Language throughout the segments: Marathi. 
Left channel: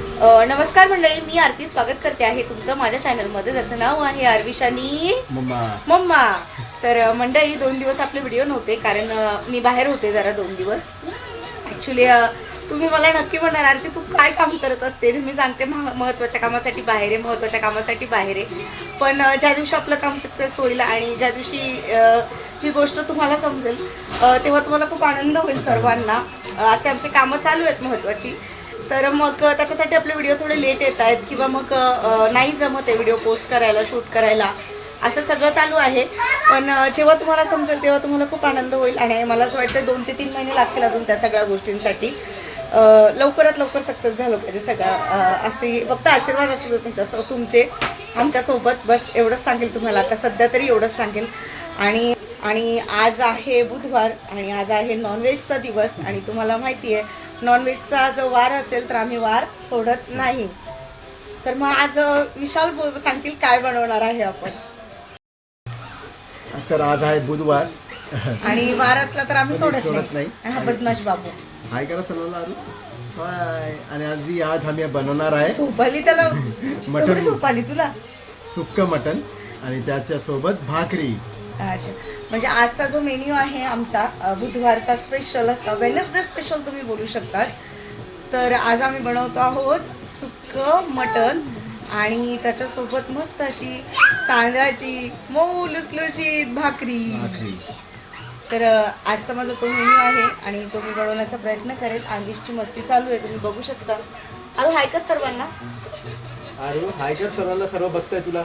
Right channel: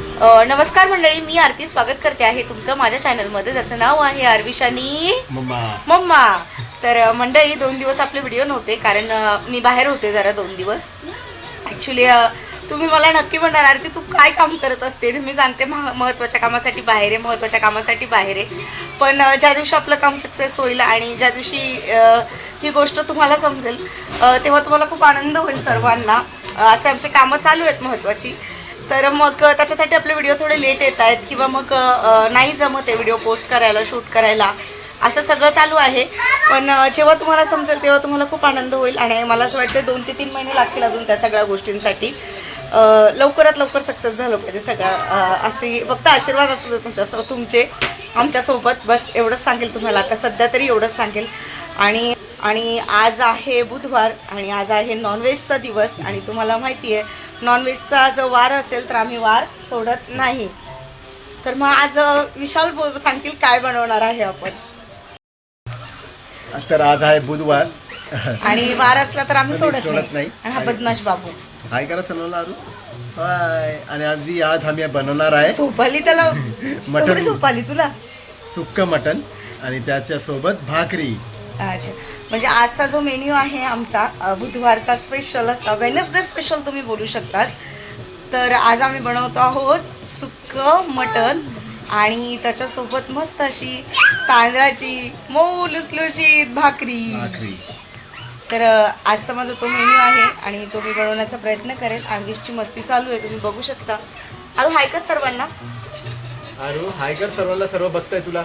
नमस्कार मंडळी मी आरती स्वागत करते आहे तुमचं माझ्या चॅनलमध्ये ज्याचं नाव आहे आरविशानी मम्मा. मम्मा. तर मंडळी दोन दिवस आपले व्हिडिओ नव्हते कारण मी बाहेर होते जरा दोन दिवस. ॲक्च्युली तुम्ही मला नक्की म्हणणार आरती तू काय काम करत असते? मी सांगते मह- महत्त्वाच्या कामासाठी बाहेर आहे महत्त्वाच्या कामासाठी बाहेर आहे. पण ज्या दिवशी आपलं काम सक्सेस होईल आणि ज्या दिवशी ही गोष्ट तुम्हाला समजेल तेव्हा तुम्हाला खूप आनंद होईल सर्वांना. असे आमचे कामं चालू आहेत महत्त्वाची तर मग त्याच्यासाठी आपले व्हिडिओ थोडे लेट येत आहेत किंवा मग नाही जमत आहे व्हिडिओ पोस्ट करायला शूट करायला. असं सगळं चालू आहे. पण जेव्हा तुम्हाला समजेल तेव्हा तुम्हाला खूप आनंद होईल आणि मला असं वाटतं दोन ते तीन महिने लागतील अजून त्या सगळ्या गोष्टींसाठी. लवकरात लवकर सक्सेस झालं पाहिजे सगळं. असे फक्त आशीर्वाद असू दे तुमच्या तुमचे आमच्यासोबत बस एवढंच सांगेल तुम्हाला. आता सध्या तरी एवढंच सांगेल. आणि आणि आज आहे बुधवार आणि आज आहे नॉनव्हेजचा दिवस आणि तुम्हाला माहिती आहे नॉनव्हेजचा जो वार असेल तर आम्ही वार सोडत नाही. तर मग आज विशाल सांगतील काय बनवणार आहे आपण. तर आज आहे बुधवार. आणि वार असला तर आम्ही सोडत सोडत नाही. हा बदमाश बाबू. हाय करा सर्वांना आरू हाय. आणि आज आज आम्ही बनवणार आहे झोपाली त्याला मटण. एवढी झोपाली तुला? सुक्क मटन. आणि त्याच्या सोबत भाकरी. अच्छा. म्हणजे आजचा जो मेन्यू आहे आमचा बुधवारचा स्पेशल असा वेनसडे स्पेशल तुम्ही बोलू शकतात. तर आज आम्ही बनवतो आहोत सुक्क मटण आणि त्याच्यासोबत मस्त अशी तांदळाची मऊ लुसलुशीत भाकरी. भाकरी. तर आजचा माझा तो मेन्यू आहे आणि तो मी बनवण्याचा प्रयत्न करेल आणखीची मस्ती चालू आहे तुम्ही बघू शकता. अरे हाय का सर्वांना. आरू हाय कर सर्वांना. सर्व बघताय तुला.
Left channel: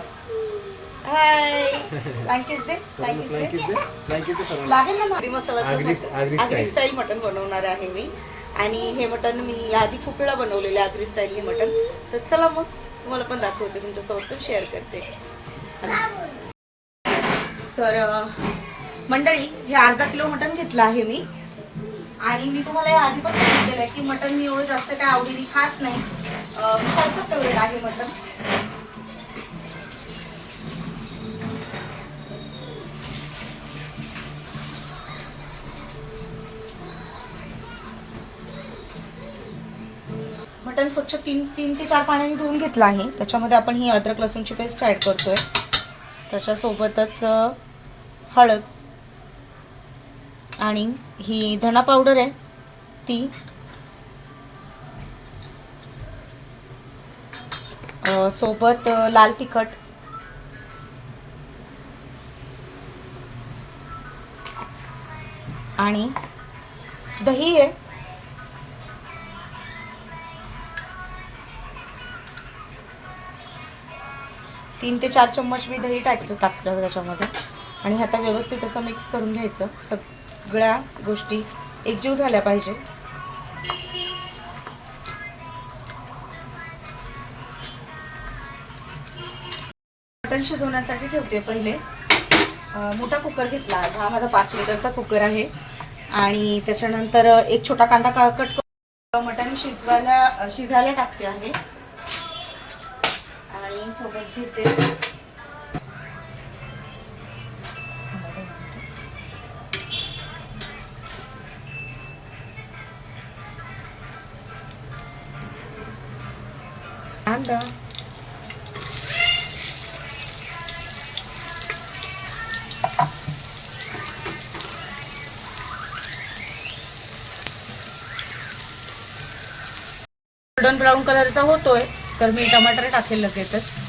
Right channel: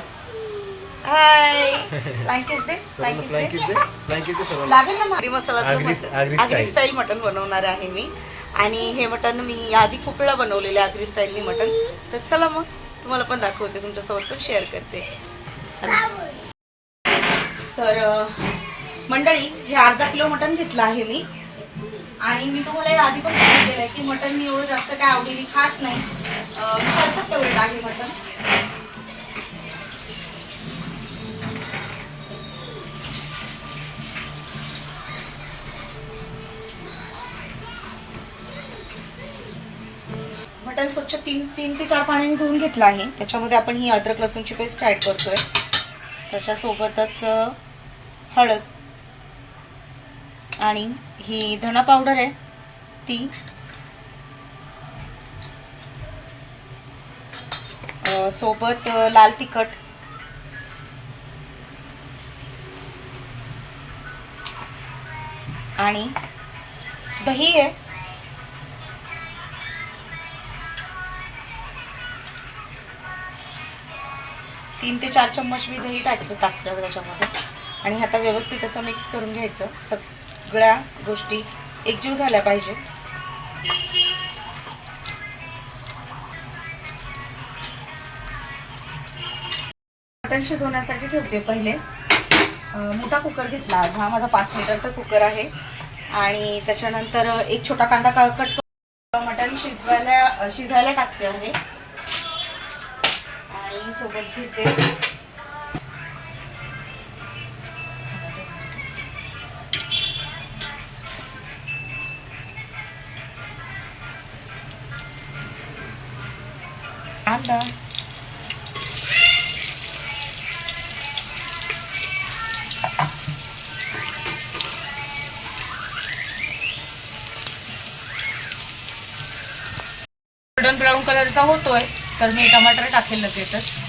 हाय फ्लँकीस दे फ्लँकीस दे लागेल ना मारी मसाला आगरी-. स्टाईल मटन बनवणार आहे मी. आणि हे मटन मी आधी खूप वेळा बनवलेले आगरी स्टाईल हे मटन तर चला मग तुम्हाला पण दाखवते तुमच्यासोबत पण शेअर करते. तर मंडळी हे अर्धा किलो मटन घेतलं आहे मी. आणि मी तुम्हाला हे आधी पण सांगितलेलं आहे की मटन मी एवढं जास्त काय आवडीने खात नाही. विशालचं फेवरेट आहे मटन वाटण स्वच्छ तीन तीन ते चार पाण्याने धुवून घेतलं आहे. त्याच्यामध्ये आपण ही अद्रक लसूणची पेस्ट ॲड करतोय. त्याच्यासोबतच हळद आणि ही धना पावडर आहे ती. सोबत लाल तिखट. आणि दही आहे. तीन ते चार चम्मच मी दही टाकतो टाकलं त्याच्यामध्ये आणि आता व्यवस्थित असं मिक्स करून घ्यायचं. सगळ्या गोष्टी एकजीव झाल्या पाहिजे. मटण शिजवण्यासाठी ठेवते पहिले. मोठा कुकर घेतला आज. हा माझा पाच लिटरचा कुकर आहे. आणि त्याच्यानंतर एक छोटा कांदा का- कट मटण शिजवायला शिजायला टाकते आहे. सोबत घेते. कांदा गोल्डन ब्राऊन कलरचा होतोय तर मी टमाटर टाकेल लगेचच.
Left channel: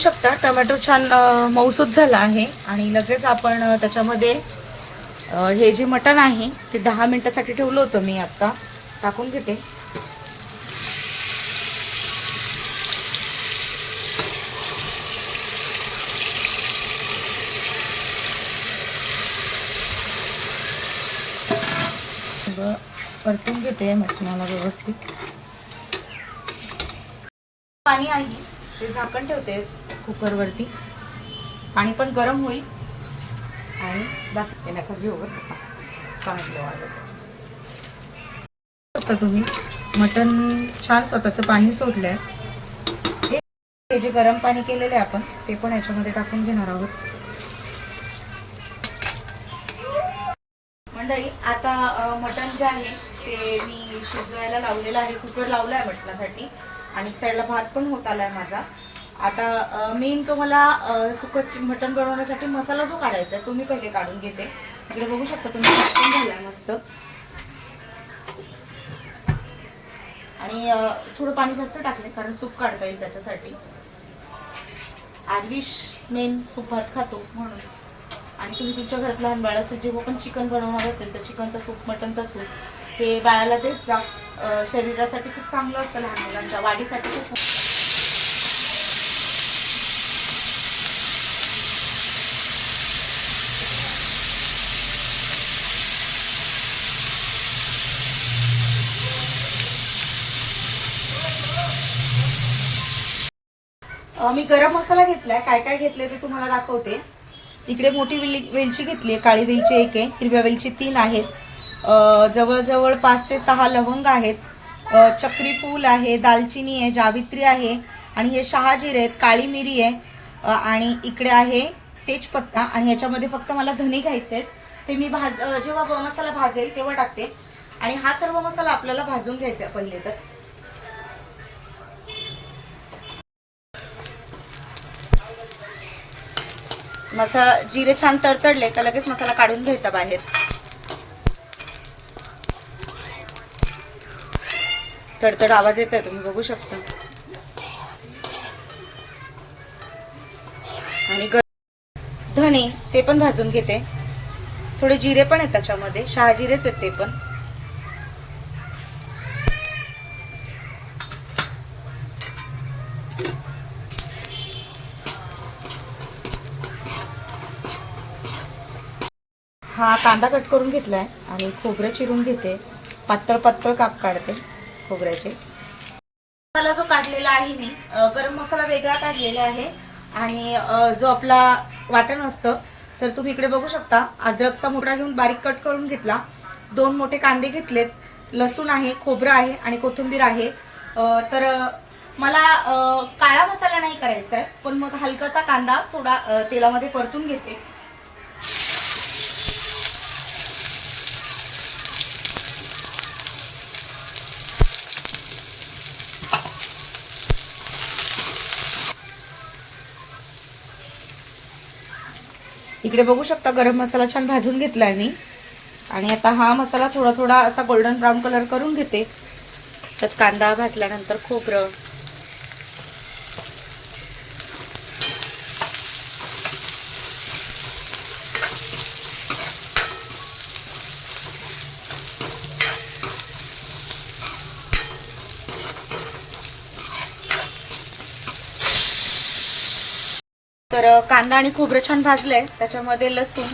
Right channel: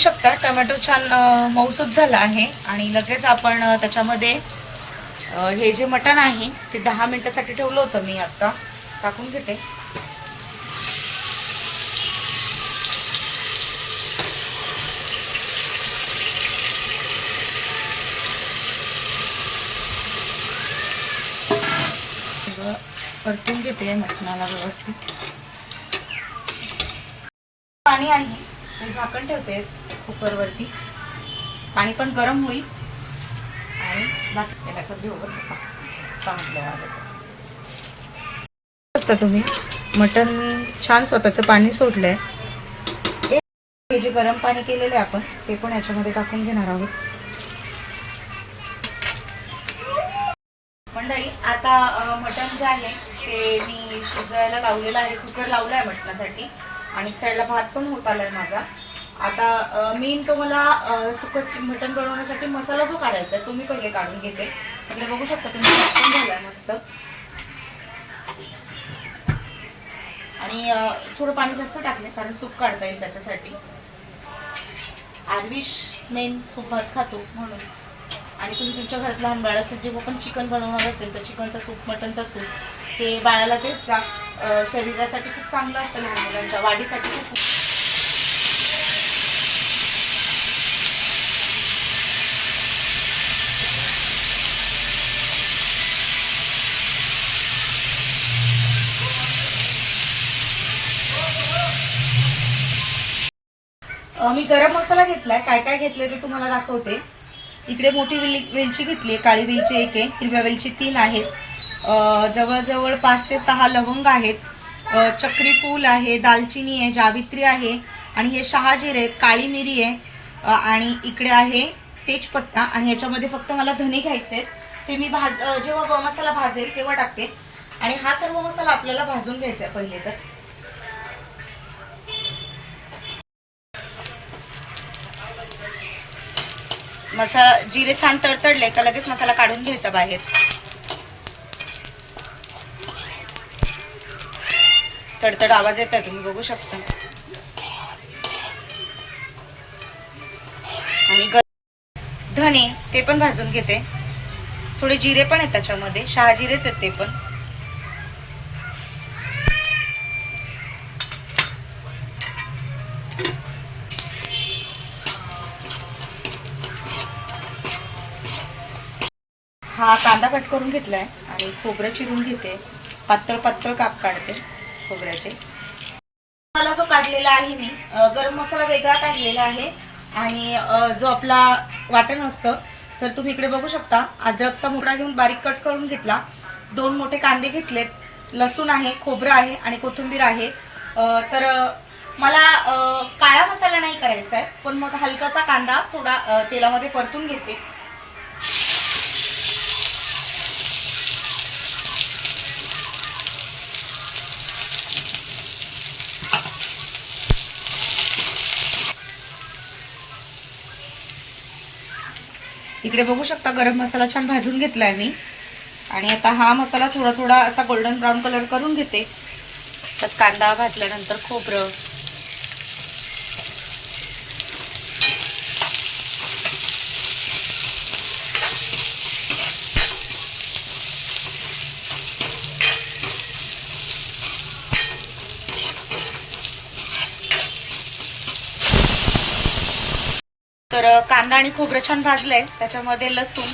शकता. टोमॅटो छान अ, मऊसूत झाला आहे. आणि लगेच आपण त्याच्यामध्ये हे जे मटण आहे ते दहा मिनटासाठी ठेवलं होतं मी आत्ता टाकून घेते. परतून घेते मटणाला व्यवस्थित. पाणी आहे. ते झाकण ठेवते. कुकरवरती. पाणी पण गरम होईल. आणि बाकी त्याला कधी सांगितलं तुम्ही. मटण छान स्वतःचं पाणी सोडलंय. हे जे गरम पाणी केलेलं आहे आपण ते पण याच्यामध्ये टाकून घेणार आहोत. मंडळी आता मटण जे आहे ते मी शिजवायला लावलेलं आहे. कुकर लावलं आहे मटणासाठी. आणि साईडला भात पण होत आला आहे माझा. आता मेन तो मला सुकट मटण बनवण्यासाठी मसाला जो काढायचा आहे तो मी पहिले काढून घेते. इकडे बघू शकता तुम्ही पण झाला मस्त. आणि थोडं पाणी जास्त टाकले कारण सूप काढता येईल त्याच्यासाठी. आरविश मेन सूप भात खातो म्हणून. आणि तुम्ही तुमच्या घरात लहान बाळ असेल जेव्हा पण चिकन बनवणार असेल तर चिकनचा सूप मटनचा सूप हे बाळाला तेच जा शरीरासाठी खूप चांगलं असतं लहान मुलांच्या वाढीसाठी खूप मी गरम मसाला घेतलाय. काय काय घेतले ते तुम्हाला दाखवते. इकडे मोठी वेल वेलची घेतली आहे काळी वेलची एक आहे हिरव्या वेलची तीन आहेत. जवळजवळ पाच ते सहा लवंग आहेत. चक्री फूल आहे दालचिनी आहे जावित्री आहे. आणि हे शहाजीर आहेत काळी मिरी आहे. आणि इकडे आहे तेजपत्ता. आणि ह्याच्यामध्ये फक्त मला धने घ्यायचे आहेत ते मी भाज जेव्हा मसाला भाजेल तेव्हा टाकते. आणि हा सर्व मसाला आपल्याला भाजून घ्यायचा आहे पहिले तर. मसाला जिरे छान तडतडले का लगेच मसाला काढून घ्यायचा बाहेर. तडतड आवाज येत आहे तुम्ही बघू शकता. आणि धने ते पण भाजून घेते. थोडे जिरे पण आहेत त्याच्यामध्ये शहाजिरेच आहेत ते पण. हा कांदा कट करून घेतलाय आणि खोबरं चिरून घेते. पातळ पातळ काप काढते खोबऱ्याचे. मसाला जो काढलेला आहे मी गरम मसाला वेगळा काढलेला आहे. आणि जो आपला वाटण असतं तर तुम्ही इकडे बघू शकता अद्रकचा मुडा घेऊन बारीक कट करून घेतला. दोन मोठे कांदे घेतलेत. लसूण आहे खोबरं आहे आणि कोथिंबीर आहे. तर मला काळा मसाला नाही करायचा आहे पण मग हलकासा कांदा थोडा तेलामध्ये परतून घेते. इकडे बघू शकता गरम मसाला छान भाजून घेतलाय मी. आणि आता हा मसाला थोडा थोडा असा गोल्डन ब्राऊन कलर करून घेते. त्यात कांदा भाजल्यानंतर खोबरं तर कांदा आणि खोबरं छान भाजलंय. त्याच्यामध्ये लसूण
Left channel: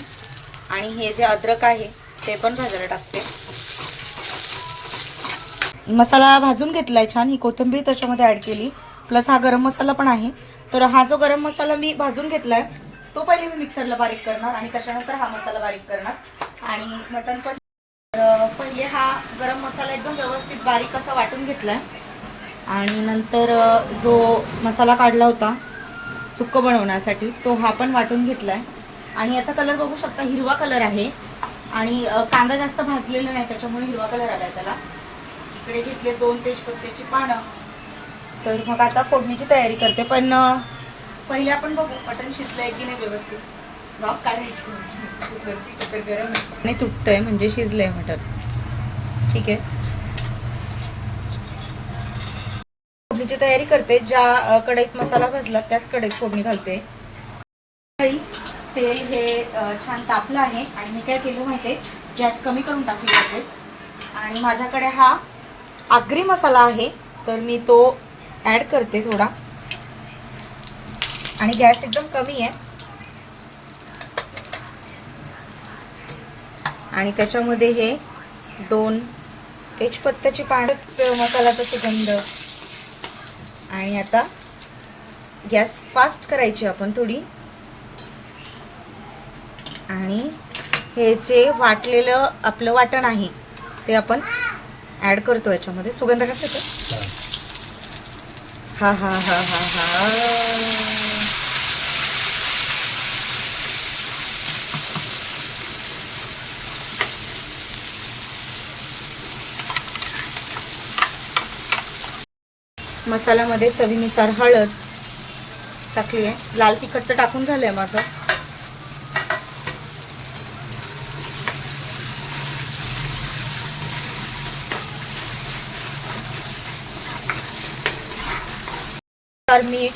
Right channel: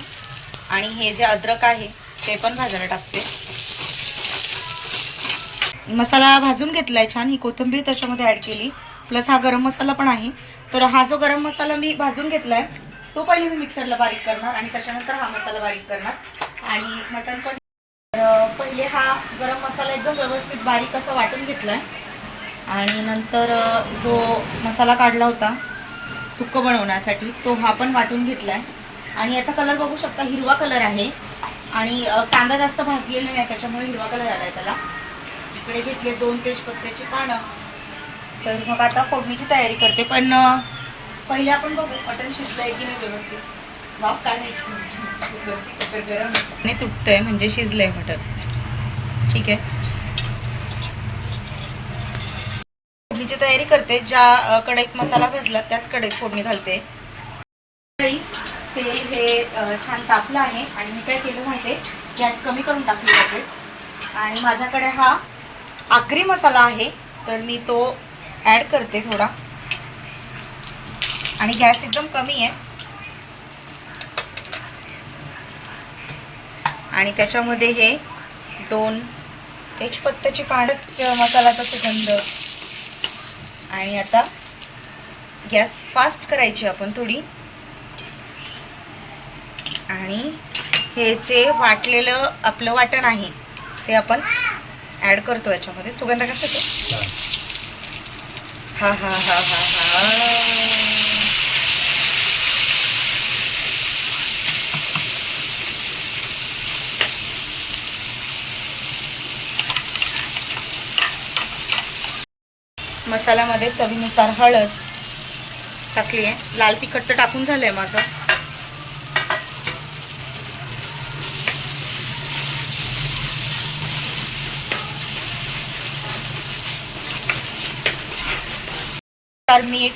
आणि हे जे अद्रक आहे ते पण भाजायला टाकते. मसाला भाजून घेतलाय छान. ही कोथिंबीर त्याच्यामध्ये ऍड केली. प्लस हा गरम मसाला पण आहे. तर हा जो गरम मसाला मी भाजून घेतलाय तो पहिले मी मिक्सरला बारीक करणार आणि त्याच्यानंतर हा मसाला बारीक करणार. आणि मटण पण पहिले हा गरम मसाला एकदम व्यवस्थित बारीक असा वाटून घेतलाय. आणि नंतर जो मसाला काढला होता सुक्क बनवण्यासाठी तो हा पण वाटून घेतलाय. आणि याचा कलर बघू शकता हिरवा कलर आहे. आणि कांदा जास्त भाजलेला नाही त्याच्यामुळे हिरवा कलर आलाय त्याला. इकडे घेतले दोन तेजपत्त्याची पानं. तर मग आता फोडणीची तयारी करते. पण पहिले आपण बघू मटण शिजलंय की नाही व्यवस्थित? वाफ काढायची. गरम आहे. नाही तुटतंय म्हणजे शिजलंय मटण. ठीक आहे? फोडणीची तयारी करते ज्या कढईत मसाला भाजला त्याच कढईत फोडणी घालते. तेल हे छान तापलं आहे आणि मी काय केलं माहिती गॅस कमी करून टाकली लगेच. आणि माझ्याकडे हा आगरी मसाला आहे तर मी तो ॲड करते थोडा. आणि गॅस एकदम कमी आहे. आणि त्याच्यामध्ये हे दोन तेजपत्त्याची पानं मसाल्याचा सुगंध आणि आता गॅस फास्ट करायची आपण थोडी. आणि हे जे वाटलेलं आपलं वाटण आहे ते आपण ऍड करतो याच्यामध्ये. सुगंध कसा हा हा हा हा हा. मसाल्यामध्ये चवीनुसार हळद टाकली आहे लाल तिखट तर टाकून झालंय माझं. तर मीठ.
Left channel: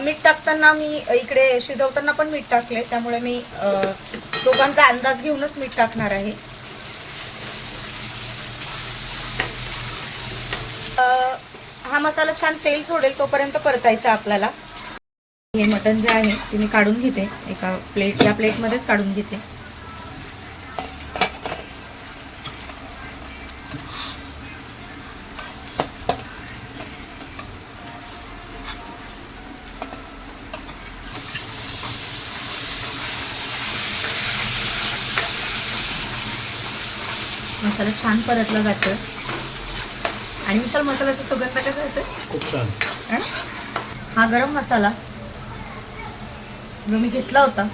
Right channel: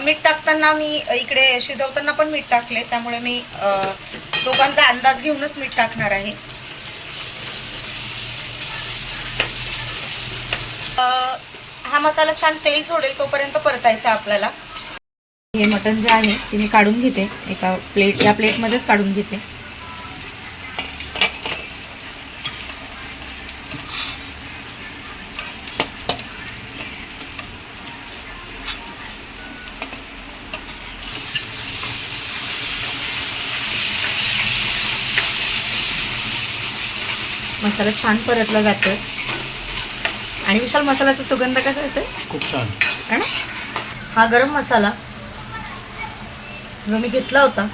मीठ टाकताना मी इकडे शिजवताना पण मीठ टाकले त्यामुळे मी दोघांचा अंदाज घेऊनच मीठ टाकणार आहे. हा मसाला छान तेल सोडेल तोपर्यंत परतायचा आपल्याला. हे मटण जे आहे ते मी काढून घेते. एका प्लेट या प्लेटमध्येच काढून घेते. मसाला छान परतला जातो आणि विशाल मसाल्याचा सुगंध कसा येतो? खूप छान. है? हा गरम मसाला जो मी घेतला होता.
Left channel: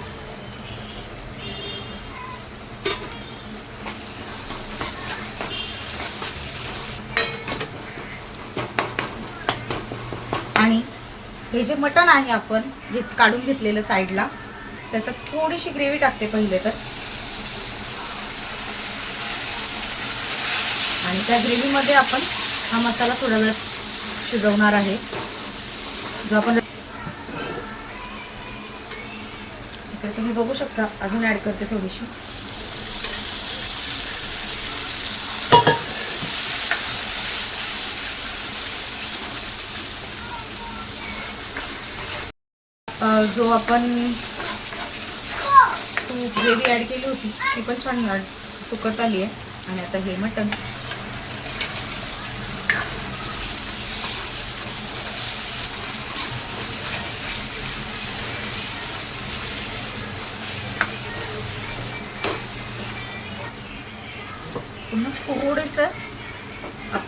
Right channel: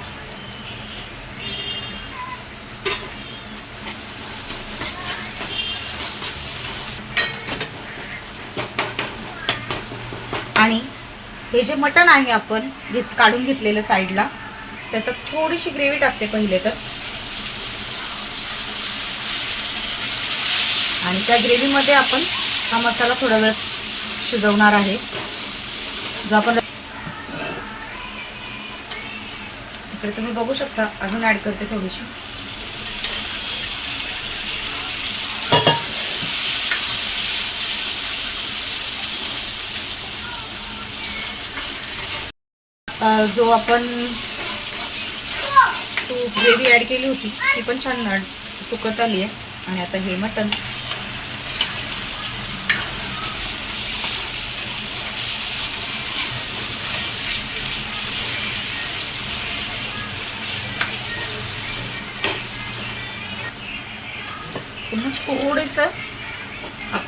आणि हे जे मटण आहे आपण घेत काढून घेतलेलं साईडला त्याच्यात थोडीशी ग्रेव्ही टाकते पहिले तर. आणि त्या ग्रेव्हीमध्ये आपण हा मसाला थोडा वेळ शिजवणार आहे. जो आपण इकडे तुम्ही बघू शकता अजून ऍड करते थोडीशी. जो आपण ग्रेव्ही ऍड केली होती ती पण छान सुकत आली आहे. आणि आता हे मटण.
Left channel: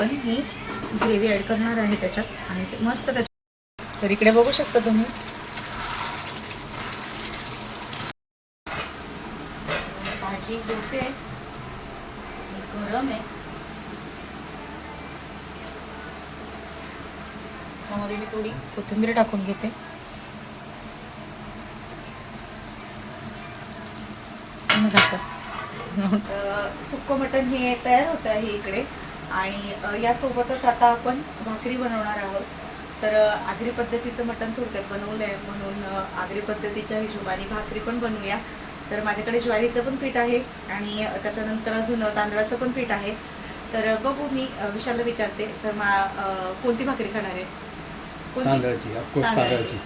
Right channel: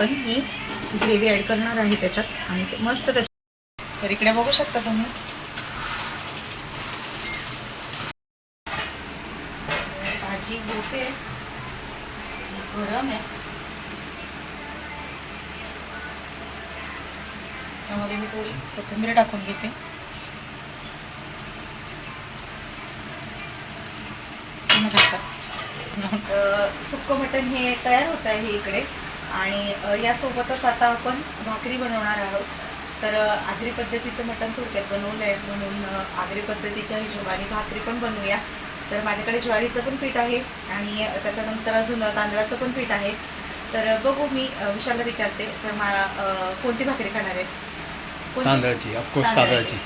आपण ही ग्रेव्ही ॲड करणार आहे त्याच्यात आणि मस्त त्याच्यात. तर इकडे बघू शकता तुम्ही. भाजी होते गरम आहे. त्याच्यामध्ये मी थोडी कोथिंबीर टाकून घेते. मग मटन सुक्क मटण हे तयार होत आहे इकडे. आणि यासोबतच आता आपण भाकरी बनवणार आहोत. तर आगरी पद्धतीचं मटण थोडक्यात बनवलं आहे म्हणून आगरी पद्धतीच्या हिशोबाने भाकरी पण बनवूया. तर माझ्याकडे ज्वारीचं पण पीठ आहे आणि त्याच्यानंतर अजून तांदळाचं पण पीठ आहे. तर बघू मी विशालला विचारते तर मा कोणती भाकरी खाणार आहे? तांदळाची ऑफकोर्स तांदळाची.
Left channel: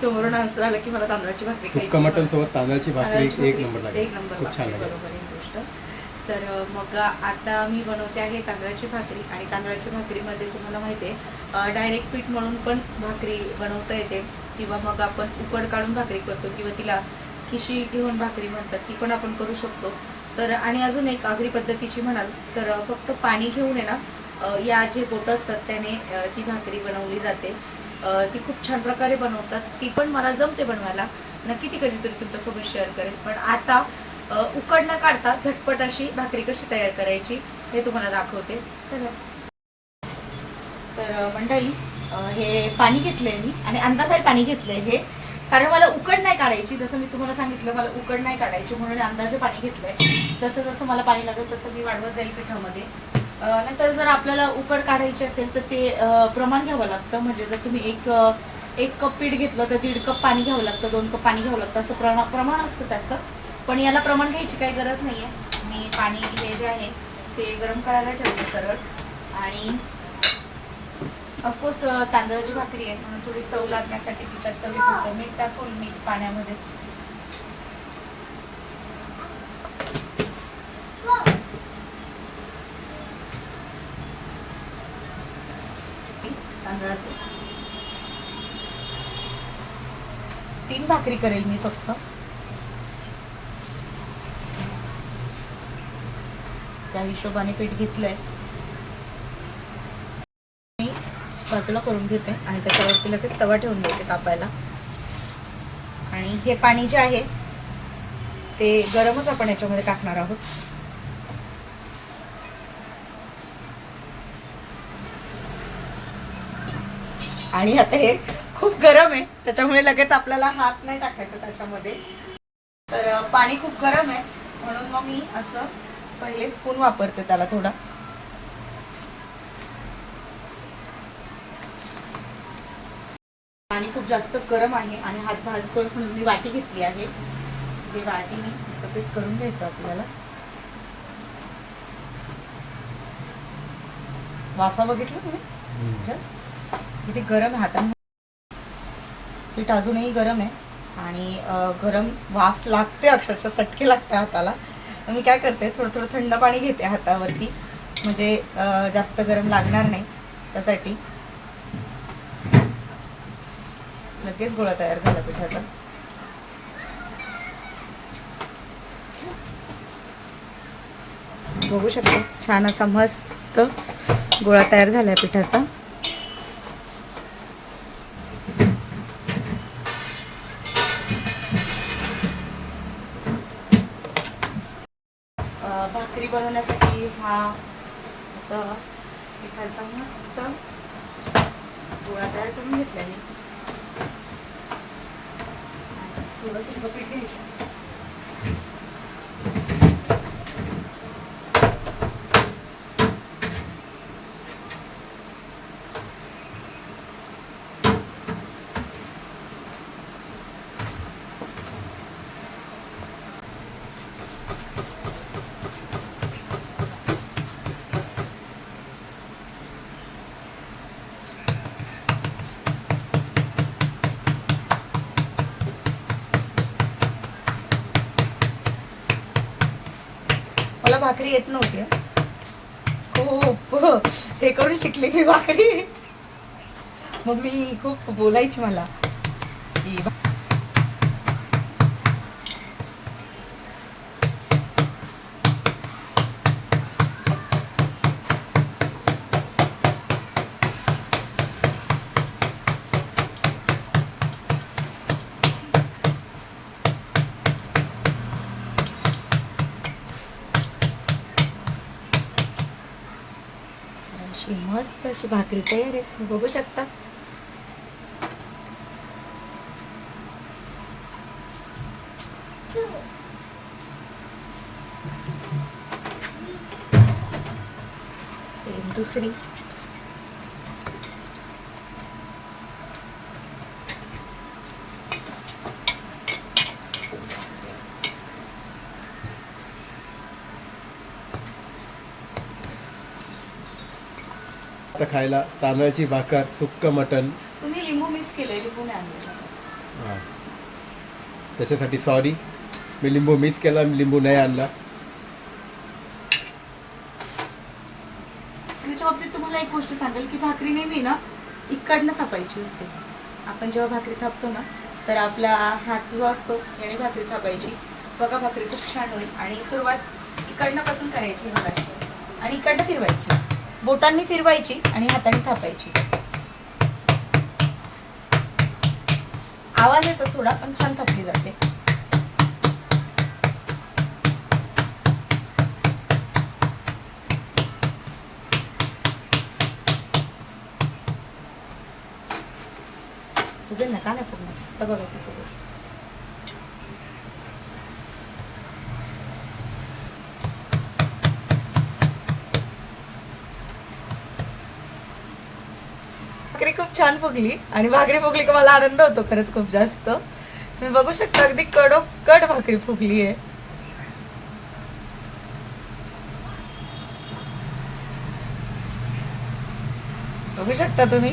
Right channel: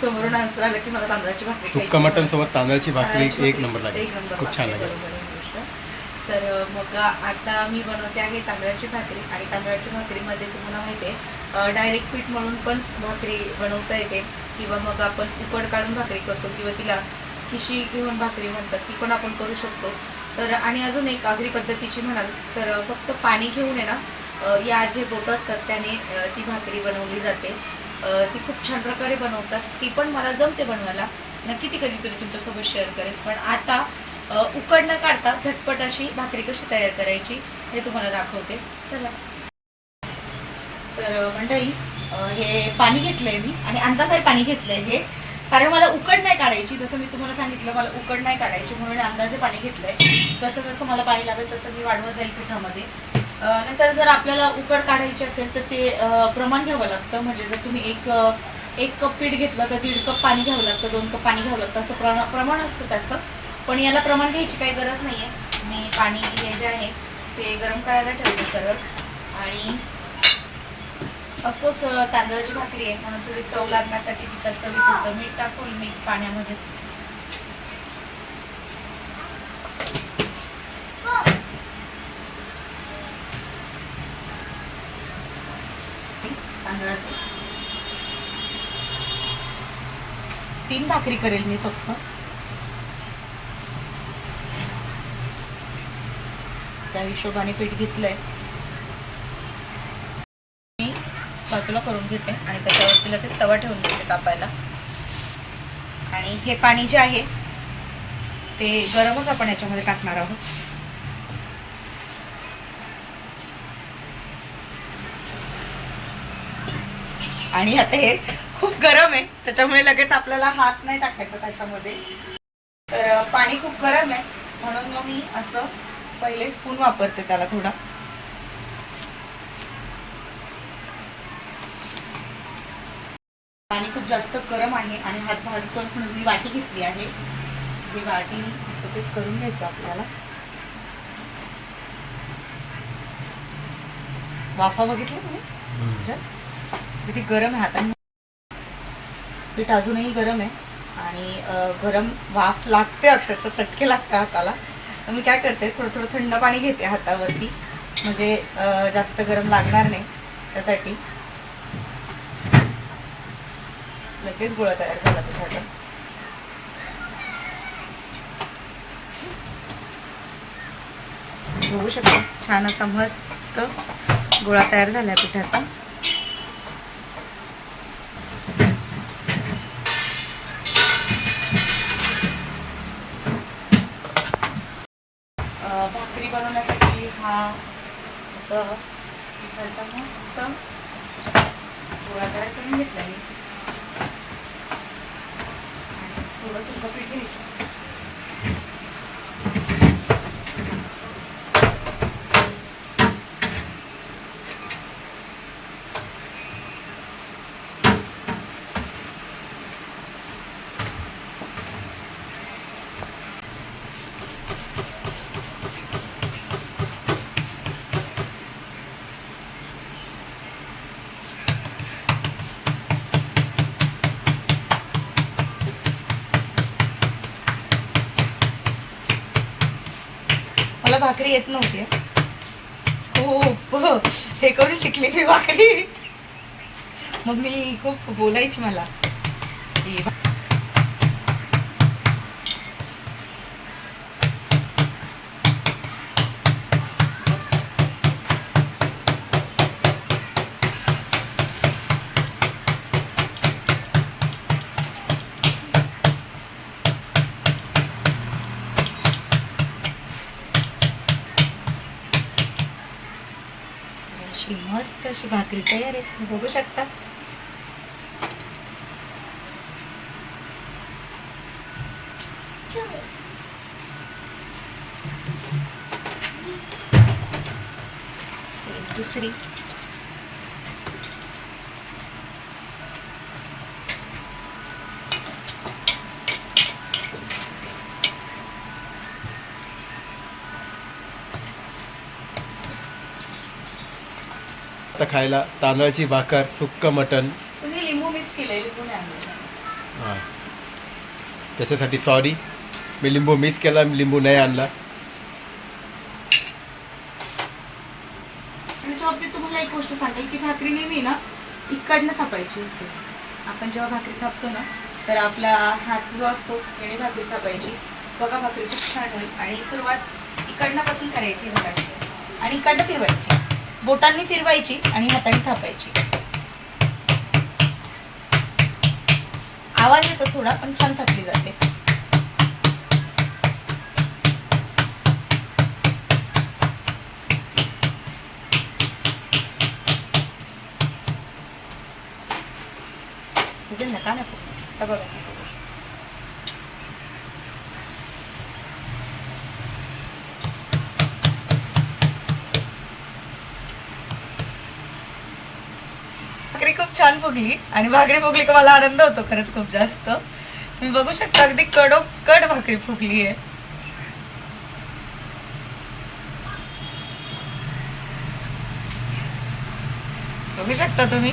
समोरून आन्सर आलं की मला तांदळाची भाकरी सुक्का. मटन सोबत तांदळाची भाकरी एक नंबर लागेल. खूप छान लागेल, लागेल बरोबर आहे गोष्ट. तर मग आता मी बनवते आहे तांदळाची भाकरी आणि तांदळाची भाकरीमध्ये तुम्हाला माहिती आहे डायरेक्ट पीठ म्हणून पण भाकरी बनवता येते. किंवा मग आपण उकड काढून भाकरी करतो किंवा तिला खिशी घेऊन भाकरी म्हणतात ती पण आपण करू शकतो. तर आणि अजून एक आगरी पद्धतीची म्हणाल तर फक्त पाणी घेऊन आहे ना या जे बोट असतात त्याने ती भाकरी बनवली जाते. ती खूप छान प्रकारे बनवतात. ती पण मला जमते बनवायला. नक्की ती कधीतरी तुमच्यासोबत शेअर करेन. पण आता उकड न काढता झटपट अशी भाकरी कशी तयार करायची हे तुम्हाला दाखवते. चला. तर मंडळी हे पाणी घेतलंय मी आणि अंदाजाने पाणी घेतलंय हे. कारण मला उकड नाही काढायची जसं मी तुम्हाला सांगितलं मला उकड नाही काढायची म्हणून अंदाजे पाणी घेतलंय. जसं जसं मला पाणी लागेल तसं मी वाढवत जाईल पिठामध्ये. नंतर जर आपल्याला उकड काढायची असेल तर ते प्रमाण घ्यावं लागतं. म्हणजे जर तुम्ही एक एक कप पीठ घेतलं तर दीड कप पाणी घ्यावं लागतं दोन कप पाणी घ्यावं लागतं. असं प्रमाण असतं त्याचं. पण याला प्रमाण घ्यायची काही गरज नाही आहे मी पाणी हे जे आहे ते गरम करायला ठेवते सरळ. आणि ऑफकोर्स तांदळाची भाकरी आहे म्हणून थोडी चव लागण्यासाठी तिच्यात चवी होतं मीठ टाकून मी पाण्यामध्येच. तांदळाचे. तीन भाकरी करेल मी फक्त. त्या हिशोबाने पीठ घेतलंय. मी बाजूला करून घेते आणि त्याच्यावरती लगेच तवा ठेवून देते तापायला आणि हे पाणी जे आहे ते गरमच आपण याच्यामध्ये टाकणार आहोत. आणि आता हे खूप गरम आहे त्याच्यामुळे लगेच आपल्याला हात नाही टाकायचा त्याच्यामध्ये. तर पाणी खूप गरम आहे म्हणून मग मी असं पहिले स्पून वापरते त्याला थोडा. पाणी खूप जास्त गरम आहे आणि हात भाजतो म्हणून मी वाटी घेतली आहे. ही वाटी असं ते करून घ्यायचं आपल्याला. वाफा बघितलं तुम्ही? किती गरम हाताने. पीठ अजूनही गरम आहे. आणि गरम वाफ लागते अक्षरशः चटके लागते हाताला. मी काय करते थोडं थोडं थंड पाणी घेते हातावरती. म्हणजे जास्त गरम लागणार नाही त्यासाठी. लगेच गोळा तयार झाला पिठाचा बघू शकता छान असा मस्त गोळा तयार झाला पिठाचा. असं पिठाचा मस्त गोळा तयार करून घेतला मी. आणि थोडंसुद्धा पीठ घ्यायचं. भाकरी येत नव्हती. हो हो हे करून शिकली मी भाकरी. मग मी खूप बोलायची मला. अशी भाकरी तयार आहे तुम्ही बघू शकता. दुसरी. खायला तांदळाची भाकर सुक्क मटण. तुम्ही लिंबू मिस केलंय लिंबू नाही आणलं. हां. त्याच्यासाठी सॉरी मी लिंबू मिस केला मी लिंबू नाही आणला. त्याच्या बाबतीत तुम्हाला एक गोष्ट सांगेल की भाकरी नेहमी ना इकडनं थापायची असते. आपण जेव्हा भाकरी थापतो ना तर आपला हात जो असतो त्याने भाकरी थापायची. बघा भाकरी खूप छान होईल. आणि सुरुवात इकडनं पासून करायची अशी. आणि इकडनं फिरवायची. बोटांनी फिरवायची आणि हाताने थापायची. आवाज येतो थोडा पण छान थापली जाते. तुझे नका ना बघा खूप छान फुगली आणि भाकरी फुगली का मला आनंद होतो खरंच खूप जास्त. तुम्ही बघू शकता अगदी कडो कड भाकरी फुगली आहे. बघू शकता तुम्ही?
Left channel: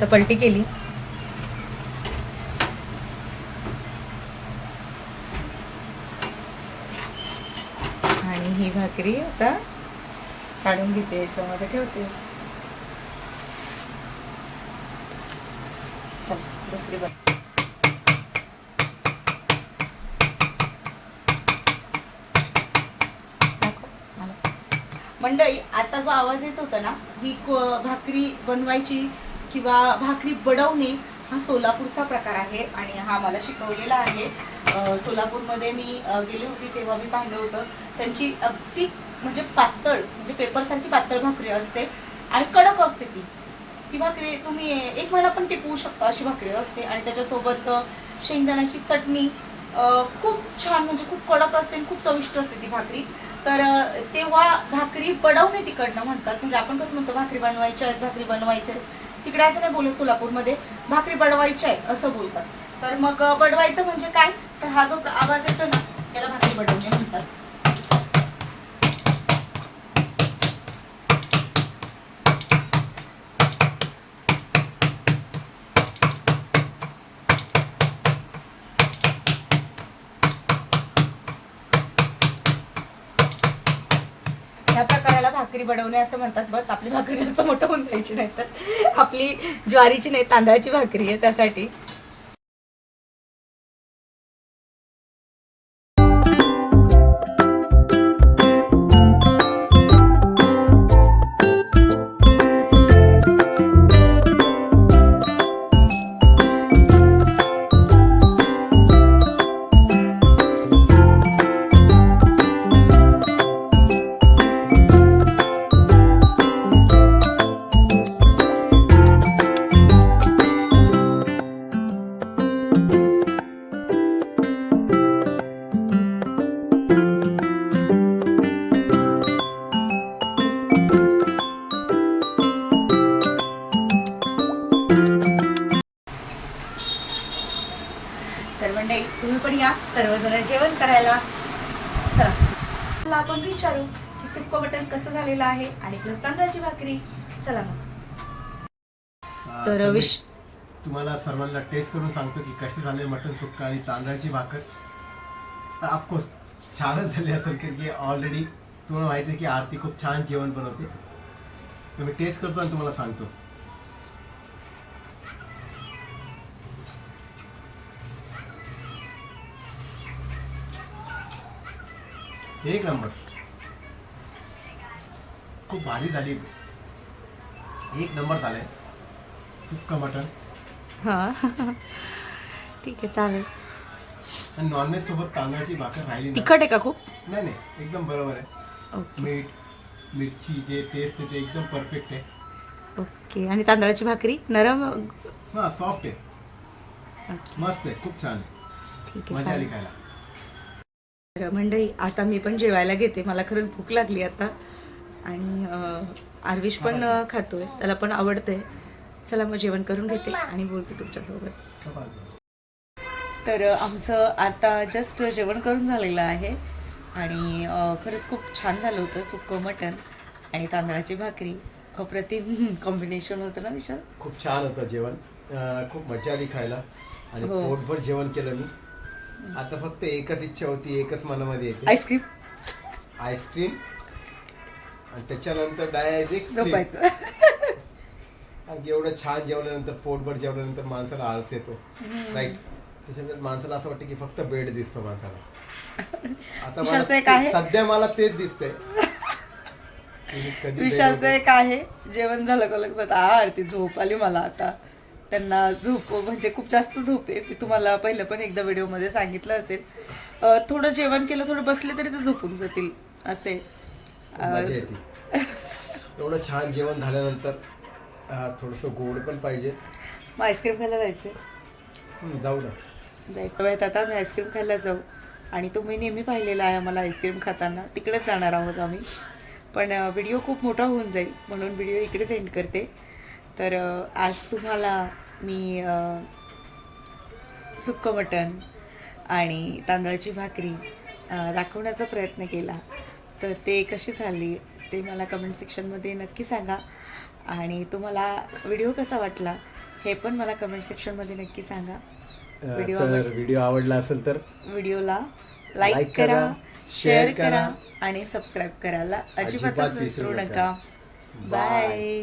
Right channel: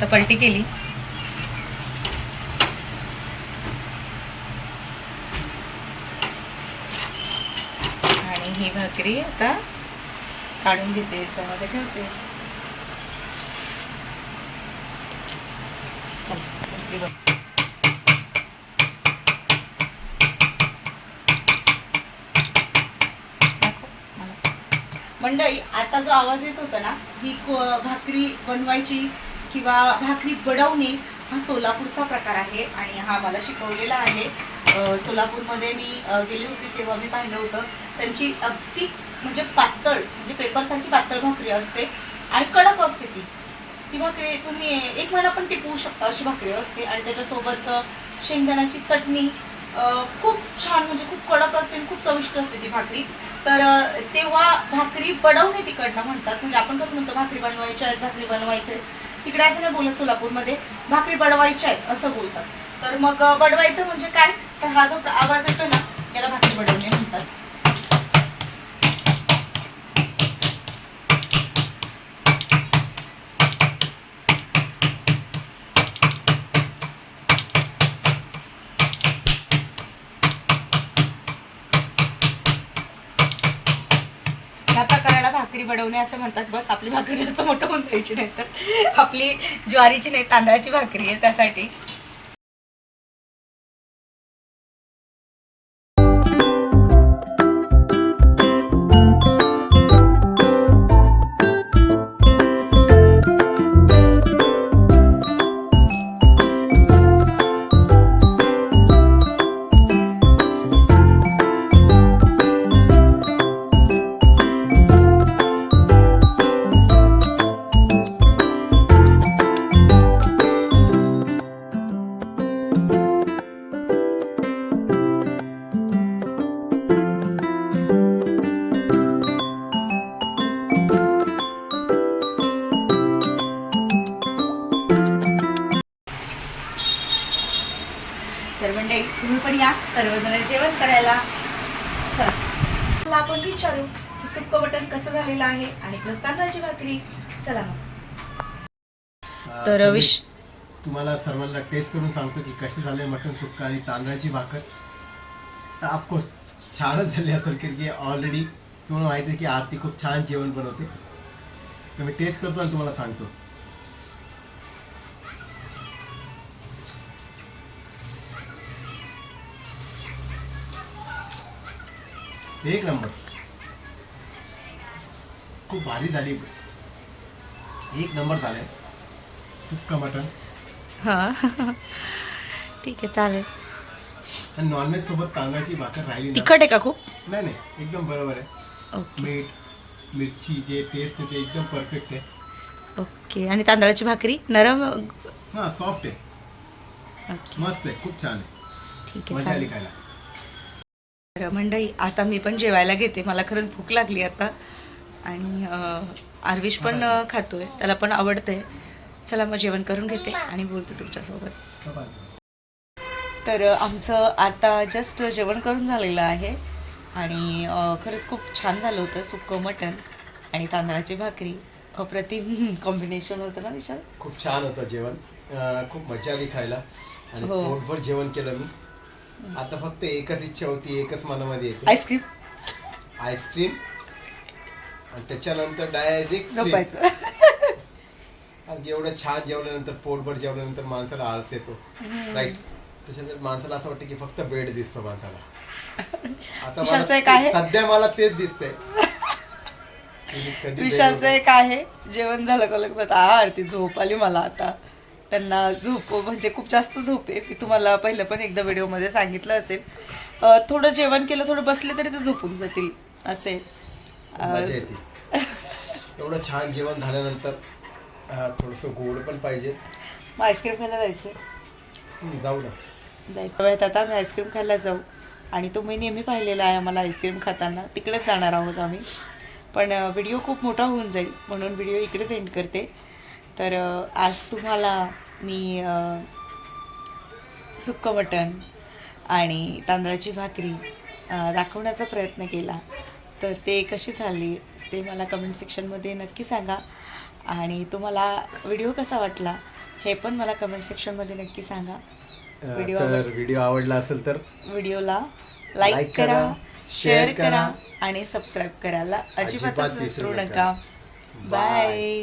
तर पलटी केली आणि ही भाकरी आता काढून घेते याच्यामध्ये ठेवते. चला दुसरी बघ. मंडळी आता जो आवाज येत होता ना ही भाकरी बनवायची किंवा भाकरी बडवणे हा सोलापूरचा प्रकार आहे आणि हा मला शिकवलेला आहे. सोलापूरमध्ये मी गेली होती तेव्हा मी पाहिलं होतं. त्यांची अगदी म्हणजे पातळ म्हणजे पेपरसारखी पातळ भाकरी असते आणि कडक असते ती. ती भाकरी तुम्ही एक महिना पण टिकवू शकता अशी भाकरी असते आणि त्याच्यासोबत शेंगदाण्याची चटणी खूप छान म्हणजे खूप कडक असते आणि खूप चविष्ट असते ती भाकरी. तर तेव्हा भाकरी बडवणे तिकडनं म्हणतात. म्हणजे आपण कसं म्हणतो भाकरी बनवायची आहेत भाकरी बनवायचे. आहेत तिकडे असं नाही बोलत सोलापूरमध्ये भाकरी बडवायची आहे असं बोलतात. तर मग बडवायचं म्हणजे काय? तर हा जो आवाज येतो ना त्याला भाकरी बडवणे म्हणतात. या प्रकार भाकरी बनवणे असं म्हणतात. बस आपली भाकरी जास्त मोठं होऊन जायची नाही तर आपली ज्वारीची नाही तांदळाची भाकरी आहे त्यासाठी. सर्वजण जेवण करायला. चला. चला आपण विचारू की सुक्क मटण कसं झालेलं आहे आणि प्लस तांदळाची भाकरी. चला मग. तर विश तुम्हाला सर्वांना टेस्ट करून सांगतो की कशी झाले मटन सुक्का आणि तांदळाची भाकर. ऑफकोर्स छानच झाली असेल कारण की ऑलरेडी तुम्हाला माहिती आहे की आरती खूप छान जेवण बनवते. तर मी टेस्ट करतो आणि तुम्हाला सांगतो. एक नंबर. खूप भारी झाली. एक नंबर झालंय. सुक्का मटन हा. ठीक आहे चालेल. आणि नॉनव्हेज सोबत तांदळाची भाकर राहिली ना तिखट आहे का खूप? नाही नाही. एकदम बरोबर आहे. ओके. मीठ मिरची जे टेस्ट आहे ते एकदम परफेक्ट आहे. ओके. आणि तांदळाची भाकरी? नरम? हा सॉफ्ट आहे. ओके. मस्त आहे. खूप छान आहे. ठीक आहे मजा आली चालेल. खायला. तर मंडळी आता मी पण जेवायला घेते. मला खरंच भूक लागली आता. आणि आर्विश पण खातोय. त्याला पण आवडतंय. चला मग जेवण करून घेते आणि बोलते तुमच्यासोबत. तर आमचं आता जस्ट जेवण करून झालेलं आहे. आणि खरंच खूप छान झालं होतं. सुक्कं मटण आणि तांदळाची भाकरी. अप्रतिम कॉम्बिनेशन होतं ना विशाल? खूप छान होतं जेवण. खूप मजा आली खायला. आणि हो. पोटभर जेवण केलं मी. आता फक्त एकच इच्छा होती एकच मनामध्ये येते. आईस्क्रीम आईस्क्रीम आणि त्याच्यानंतर डायरेक्ट झोपायचं. आणि एवढं छान जेवल्यानंतर पोटभर जेवल्यानंतर माणसाला आळस येतो. राईट त्याच्यानंतर माणसाला असं वाटतं की फक्त बेड दिसतो माणसाला. आता विशालचं एक आहे? सध्या मला तेच दिसतंय. मी कधी bed विशालचं एक आहे. जेवण झालं का लगेच? आ आरती झोप आली मला आता. त्यांना झोप म्हणजे खूप जास्त झोप आहे. मी तुम्हाला पहिलं पण एकदा व्हिडिओमध्ये सांगितलं असेल. थोडं जेवण केलं थोडं बसले तरी ते झोपून जातील असे. एवढं छान जेवण झाल्यानंतर थोडस गोड पण पाहिजे. मग आईस्क्रीम खायला जायचं? जाऊ ना. जायचं. वेळेत आता आम्ही आईस्क्रीम खायला जाऊ. आणि तुम्ही नेहमी पाहिलेला आहे आम्हाला आईस्क्रीम खाताना. तिकडेच जाणार आहोत आम्ही. पण व्हिडिओ खूप मोठा होऊन जाईल. म्हणून व्हिडिओ इकडेच एंड करते. तर आज तुम्हाला मी सुक्कं मटण आणि तांदळाची भाकरी दाखवण्याचा प्रयत्न केला. तर ते कशी झाली ते मला कमेंट सेक्शनमध्ये नक्की सांगा. आणि तुम्हाला व्हिडिओ कसा वाटला हे पण मला कमेंट सेक्शनमध्ये नक्की सांगा. व्हिडिओ व्हिडिओ आवडला असेल तर व्हिडिओला लाईक करा शेअर करा आणि सबस्क्राईब करायला अजिबात अजिबातच विसरू. नका. बाय